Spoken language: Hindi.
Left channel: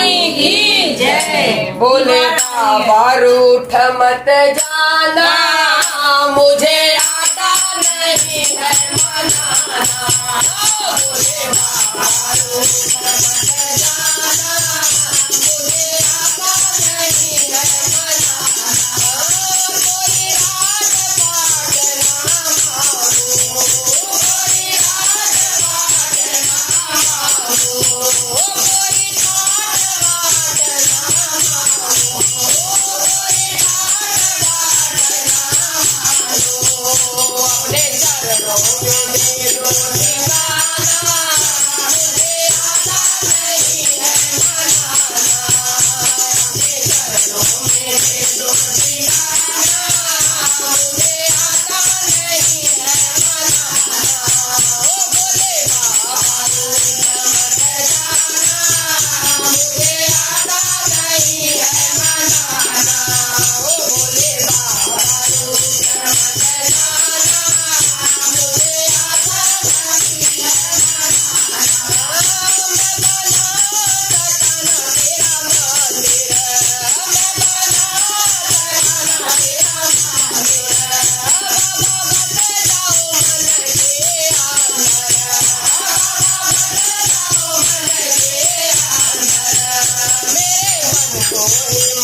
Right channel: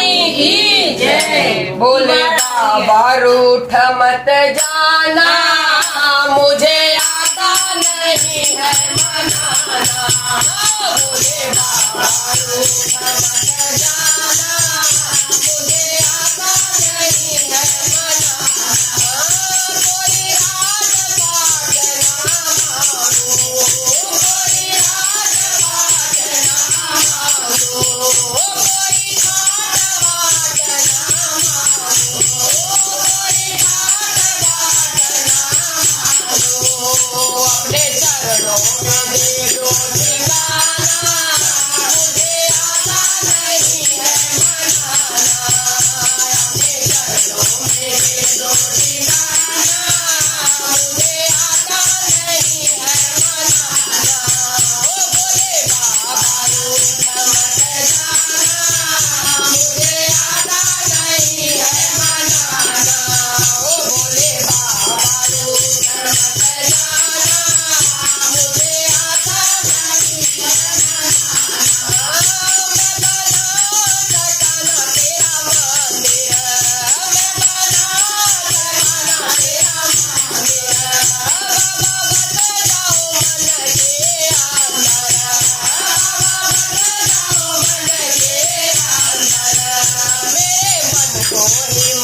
की जय। बोले बाबा रूठ मत जाना, मुझे आता नहीं है मनाना। बोले बाबा रूठ मत जाना, मुझे आता नहीं है मनाना। कोई राज पाट ना मांगो, कोई राज पाट ना मांगो, कोई खाट बाट ना मांगो, कोई खाट बाट ना मांगो। अपने चरणों में दे दो ठिकाना, मुझे आता नहीं है मनाना। अपने चरणों में दे दो ठिकाना, मुझे आता नहीं है मनाना। ओ बोले बाबा रूठ मत जाना, मुझे आता नहीं है मनाना। ओ बोले बाबा रूठ मत जाना, मुझे आता नहीं है मनाना। मैं बना सकाना तेरा मंदिर, मैं बना सकाना तेरा मंदिर। बाबा बस जाओ मन के अंदर, बाबा बस जाओ मन के अंदर। मेरे मन को ही